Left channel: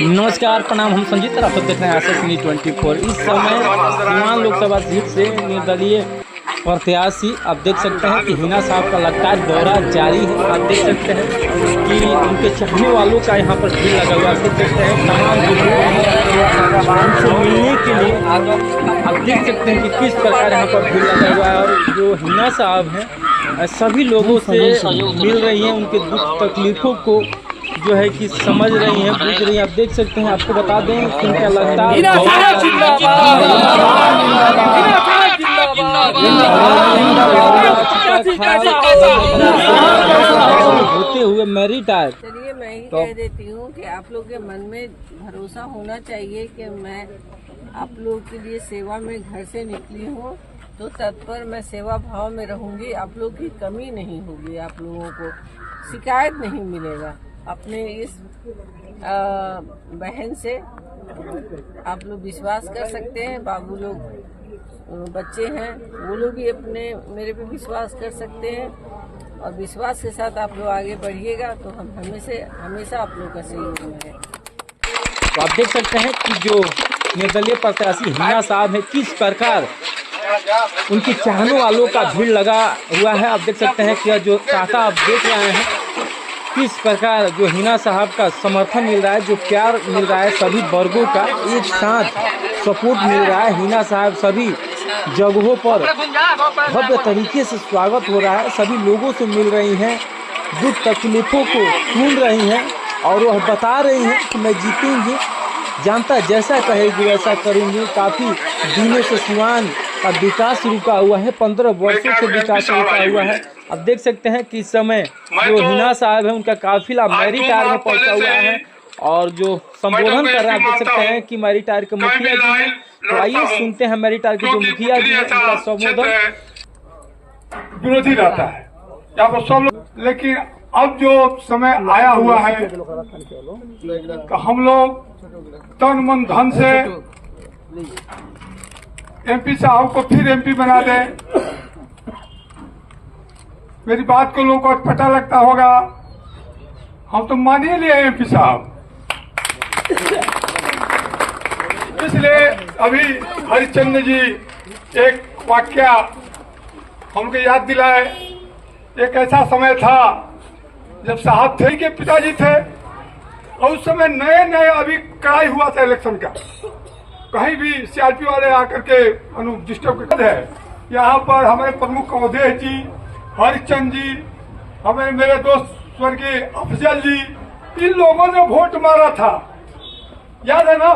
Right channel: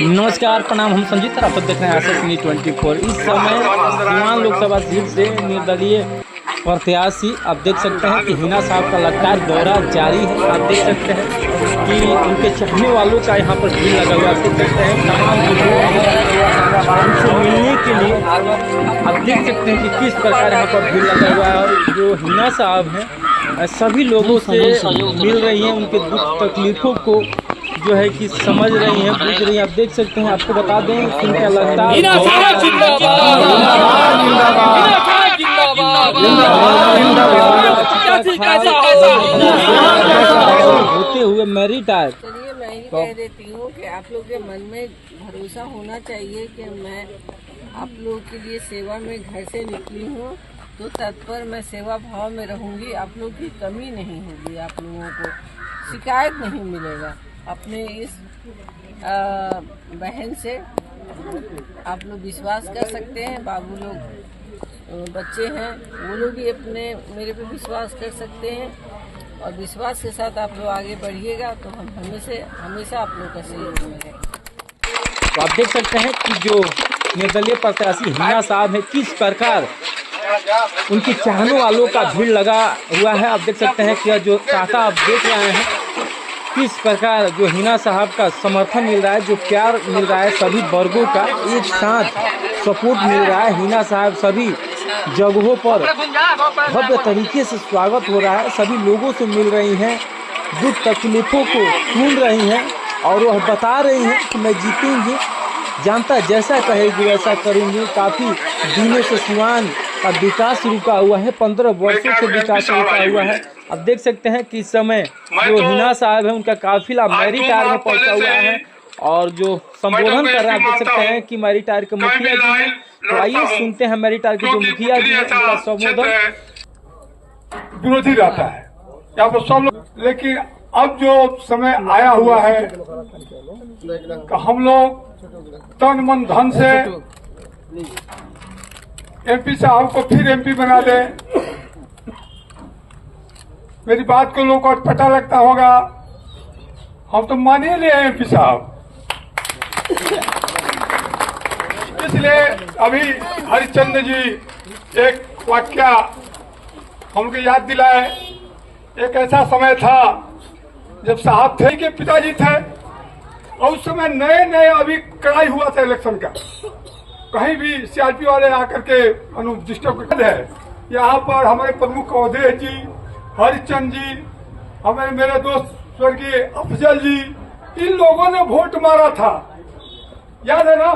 नमस्कार, प्रणाम। हम संजीत और आप सब देख रहे हैं आशा 24। इस समय सीवान लोकसभा सीट से निर्दलीय प्रत्याशी आप देख सकते हैं कि हिना साहब का लगातार दौरा जारी है। आप देख सकते हैं कि उनके चाहने वालों का यहाँ पर भीड़ लगा हुआ। आप देख सकते हैं तमाम लोग उनसे मिलने के लिए आप देख सकते हैं कि किस प्रकार यहाँ पर भीड़ लगा हुआ है। और जो हिना साहब हैं सभी लोगों से मिल रही हैं, उनके दुख तकलीफों को जो है कि समझ रही हैं, बुझ रही हैं। आप देख सकते हैं, आपको बता दें कि उनका लगातार होते हुए मेरिट आए। चलिए मैं ही कह देती हूँ कि आप लोग के मन में भरोसा होना चाहिए कि मैं आप लोगों के लिए सेवा में घर से निकली हूँ तो तत्पर मैं सेवा भाव में रहूँगी। आप लोग की कमी नहीं होगी, आप लोगों को शिकायत नहीं मिलेगा। अपने इस बहन से आप लोग विश्वास कर सकते हैं। बाबू लोग बच्चे हैं, वो लोग भी अपने मेरे पे विश्वास कर सकते हैं और विश्वास के साथ आप लोग आगे बढ़िएगा तो हम हमेशा आप लोग का सहयोग में है। तो आप देख सकते हैं कि जो निर्दलीय प्रत्याशी हिना साहब है किस प्रकार उनके चाहने वालों का भीड़ लगा हुआ है। आप देख सकते हैं कि जो काका आप देख रहे हैं किस प्रकार जो हिना साहब का समर्थन मिल रहा है, जो प्यार मिल रहा है, सभी वर्गों का एक साथ सपोर्ट मिल रहा है। हिना साहब सभी जगहों पर भव्य तरीके से स्वागत हो रहा है, सभी लोगों से मिल रही हैं, दुख तकलीफों को सुन रही हैं और वह बता रही हैं कि मैं जीतूंगी, जनता जैसा कहेगी वैसा करूंगी। काफ़ी दिनों से सीवान का विकास रुका हुआ है, 15 वर्षों से विकास रुका हुआ है। अब देख सकते हैं कि इस समय जो हिना साहब है उनका काफिला मैरिटायर में पहुंचा हुआ है और जो संबोधन कर रहे हैं। आप देख सकते हैं कि मैरिटायर के मुखिया जी हैं। तो आइए सुनते हैं मैरिटायर के जो मुखिया जी हैं उनका संबोधन। विरोधी रहता है यहाँ पर सब लोग, लेकिन अब जो समय आया हुआ है तो हम लोग तन मन धन से एमपी साहब को फिर एमपी बना दें। मेरी बात को लोगों को पता लगता होगा, हम तो मान ही लिए एमपी साहब। इसलिए अभी हरिश्चंद्र जी एक वाक्य हमको याद दिलाए। एक ऐसा समय था जब साहब थे के पिताजी थे और उस समय नए नए अभी कड़ाई हुआ था इलेक्शन का। कहीं भी सीआरपी वाले आकर के डिस्टर्ब है। यहाँ पर हमारे प्रमुख अवधेश जी, हरिचंद जी, हमें मेरे दोस्त स्वर्गीय अफजल जी, इन लोगों ने वोट मारा था, याद है ना।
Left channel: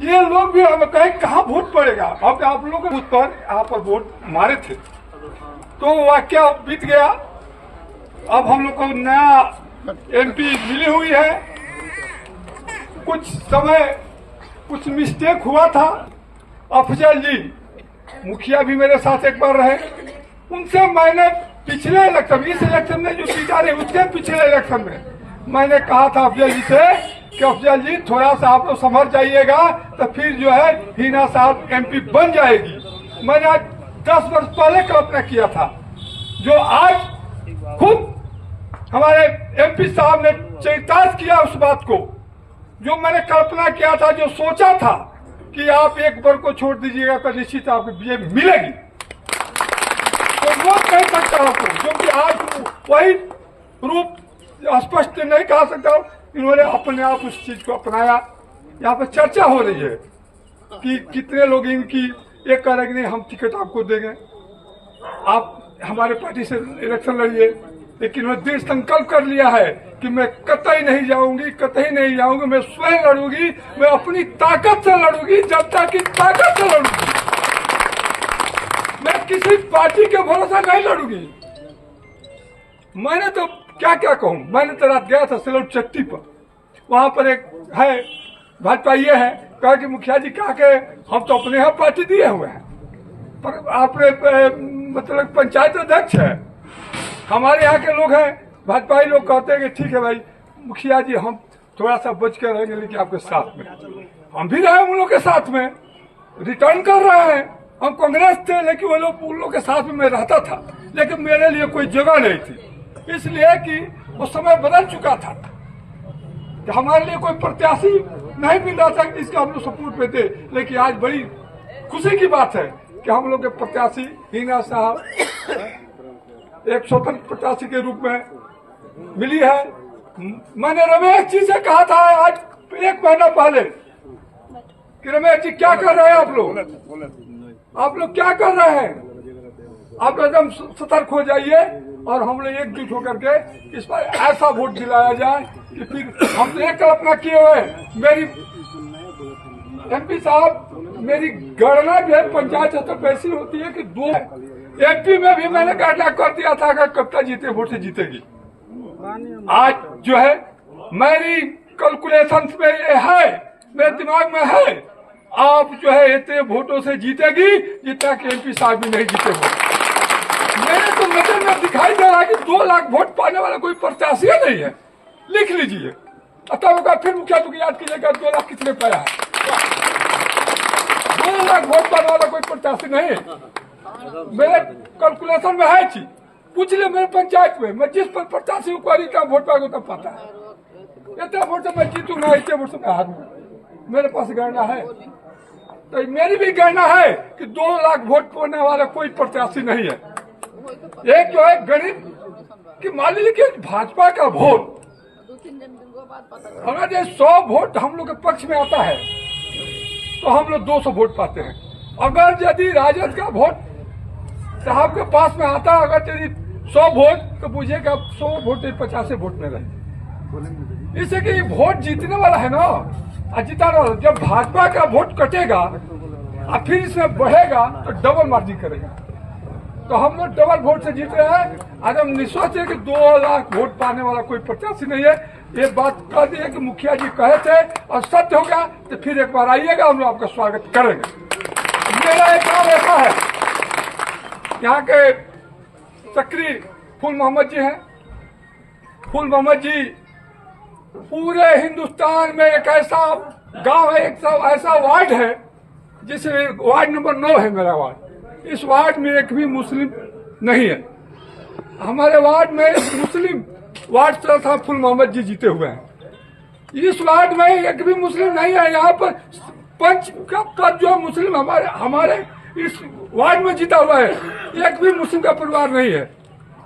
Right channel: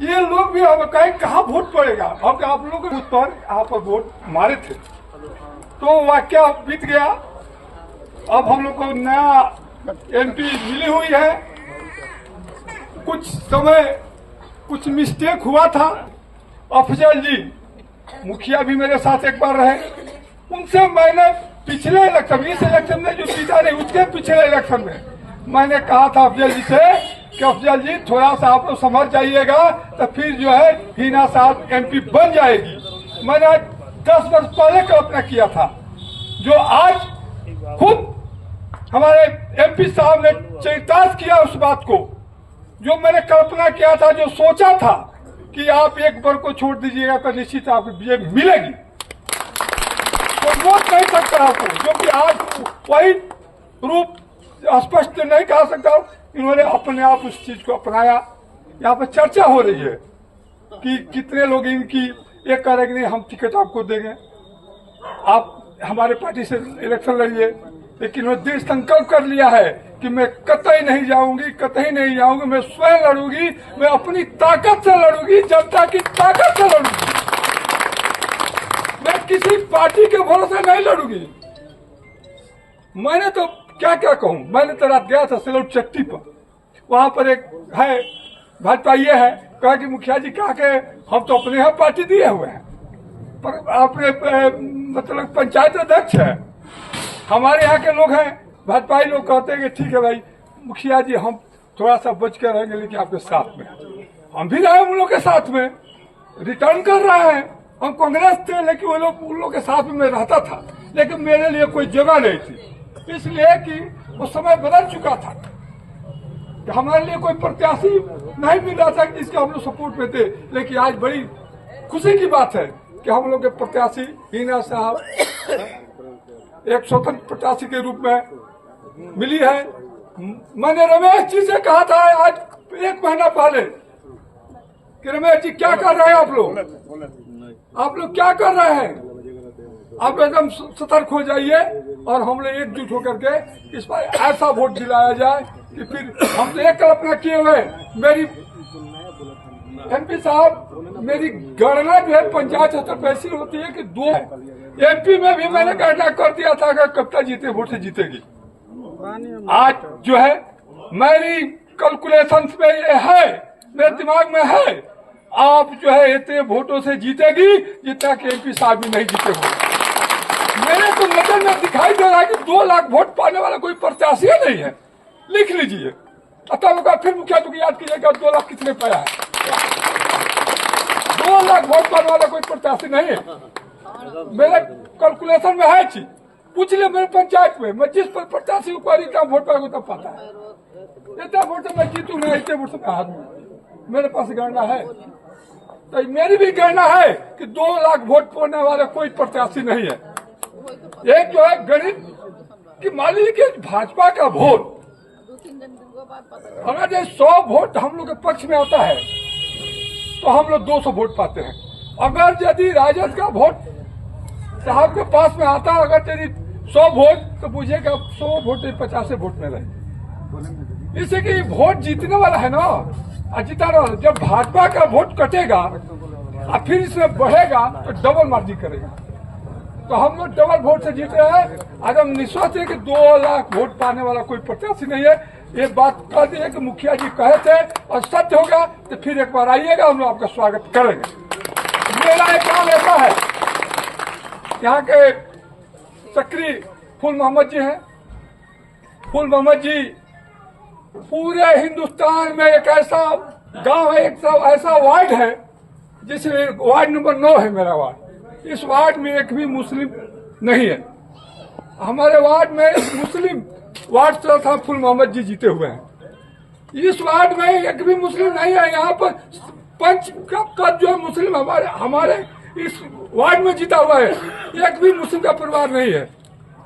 ये लोग भी हम कहे कहाँ वोट पड़ेगा, हम आप लोगों के बूथ पर यहाँ पर वोट मारे थे। तो वाक्य बीत गया। अब हम लोग को नया एमपी मिली हुई है। कुछ समय कुछ मिस्टेक हुआ था। अफजल जी मुखिया भी मेरे साथ एक बार रहे, उनसे मैंने पिछले इलेक्शन, इस इलेक्शन में जो जीता नहीं उसके पिछले इलेक्शन में मैंने कहा था अफजल जी से कि अफजल जी थोड़ा सा आप लोग समझ जाइएगा तो फिर जो है हिना साहब एमपी बन जाएगी। मैंने आज 10 वर्ष पहले कल्पना किया था, जो आज खुद हमारे एमपी साहब ने चरितार्थ किया उस बात को। जो मैंने कल्पना किया था, जो सोचा था कि आप एक वर्ग को छोड़ दीजिएगा तो निश्चित आपको ये मिलेगी, तो रोक नहीं सकता आपको, क्योंकि आज वही रूप स्पष्ट नहीं कहा सकता। इन्होंने अपने आप उस चीज को अपनाया। यहाँ पर चर्चा हो रही है कि कितने लोग इनकी एक कह रहे कि नहीं हम टिकट आपको देंगे, आप हमारे पार्टी से इलेक्शन लड़िए। लेकिन उन्होंने दृढ़ संकल्प कर लिया है कि मैं कतई नहीं जाऊंगी, कतई नहीं जाऊंगी, मैं स्वयं लड़ूंगी, मैं अपनी ताकत से लड़ूंगी, जनता की ताकत से लड़ूंगी। मैं किसी पार्टी के भरोसे नहीं लड़ूंगी। मैंने तो क्या क्या कहूं, मैंने तो रात गया था सिलौट चट्टी पर, वहां पर एक है भाजपा ये है, कहा कि मुखिया जी कहा के हम तो अपने यहाँ पार्टी दिए हुए हैं, पर आपने मतलब पंचायत अध्यक्ष है, हमारे यहाँ के लोग हैं भाजपाई लोग कहते हैं कि ठीक है भाई मुखिया जी हम थोड़ा सा बच कर रहेंगे, लेकिन आपके साथ में हम भी रहे उन लोग के साथ में, रिटर्न कर रहे हैं। हम कांग्रेस थे लेकिन वो लोग उन लोग के साथ में मैं रहता था, लेकिन मेरे लिए कोई जगह नहीं थी, इसलिए कि वो समय बदल चुका था कि हमारे लिए कोई प्रत्याशी नहीं मिल रहा था कि इसका हम लोग सपोर्ट में थे, लेकिन आज बड़ी खुशी की बात है कि हम लोग के प्रत्याशी हिना साहब एक स्वतंत्र प्रत्याशी के रूप में मिली है। मैंने रमेश जी से कहा था आज 1 महीना पहले कि रमेश जी क्या कर रहे हैं आप लोग क्या कर रहे हैं, आप एकदम सतर्क हो जाइए और हम लोग एकजुट होकर के इस पर ऐसा वोट दिलाया जाए कि फिर हम तो एक कल्पना किए हुए मेरी MP साहब, मेरी गणना जो है पंचायत स्तर पर ऐसी होती है कि 2 MP में भी मैंने गणना कर दिया था अगर कविता जीते वोट से जीतेगी। आज जो है मेरी कैलकुलेशन में ये है, मेरे दिमाग में है, आप जो है इतने वोटों से जीतेगी जितना कि MP साहब भी नहीं जीते हो। मेरे तो नजर में दिखाई दे रहा है कि 2 लाख वोट पाने वाला कोई प्रत्याशी नहीं है। लिख लीजिए, तब फिर मुखिया जी याद कीजिएगा 2 लाख कितने पाया है। 2 लाख वोट पाने वाला कोई प्रत्याशी नहीं है। मेरे कैलकुलेशन में है चीज, पूछ ले मेरे पंचायत में, मैं जिस पर प्रत्याशी को क्या वोट पाएगा तब पाता है। इतना वोट से मैं जीतू ना, इतने वोट से मैं हारूं, मेरे पास गणना है। तो मेरी भी गणना है कि 2 लाख वोट पाने वाला कोई प्रत्याशी नहीं है। एक जो है गणित कि मान लीजिए कि भाजपा का वोट अगर ये 100 वोट हम लोग के पक्ष में आता है तो हम लोग 200 वोट पाते हैं। अगर यदि राजद का वोट साहब के पास में आता, अगर यदि 100 वोट तो बुझिएगा 100 वोट 50 वोट में रहे। इससे कि वोट जीतने वाला है ना, जीता रहा। जब भाजपा का वोट कटेगा और फिर इसमें बढ़ेगा तो डबल मार्जिन करेगा। तो हम लोग डबल वोट से जीत रहे हैं। आज हम निश्चित है कि 2 लाख वोट पाने वाला कोई प्रत्याशी नहीं है। ये बात कह दी है कि मुखिया जी कहे थे और सत्य होगा तो फिर एक बार आइएगा, हम लोग आपका स्वागत करेंगे। मेरा एक काम ऐसा है, यहाँ के सक्रिय फूल मोहम्मद जी हैं। फूल मोहम्मद जी पूरे हिंदुस्तान में एक ऐसा गांव है, एक ऐसा वार्ड है जिसमें वार्ड नंबर 9 है मेरा वार्ड। इस वार्ड में एक भी मुस्लिम नहीं है। हमारे वार्ड में मुस्लिम वार्ड था, फूल मोहम्मद जी जीते हुए हैं। इस वार्ड में एक भी मुस्लिम नहीं है। यहाँ पर पंच का पद जो मुस्लिम हमारे इस वार्ड में जीता हुआ है। एक भी मुस्लिम का परिवार नहीं है,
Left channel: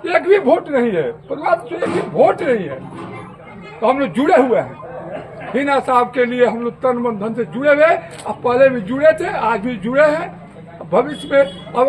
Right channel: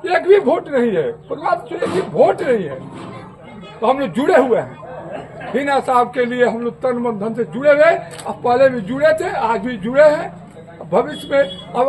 एक भी वोट नहीं है, परिवार से एक भी वोट नहीं है। तो हम लोग जुड़े हुए हैं हिना साहब के लिए। हम लोग तन मन धन से जुड़े हुए, अब पहले भी जुड़े थे, आज भी जुड़े हैं, भविष्य में अब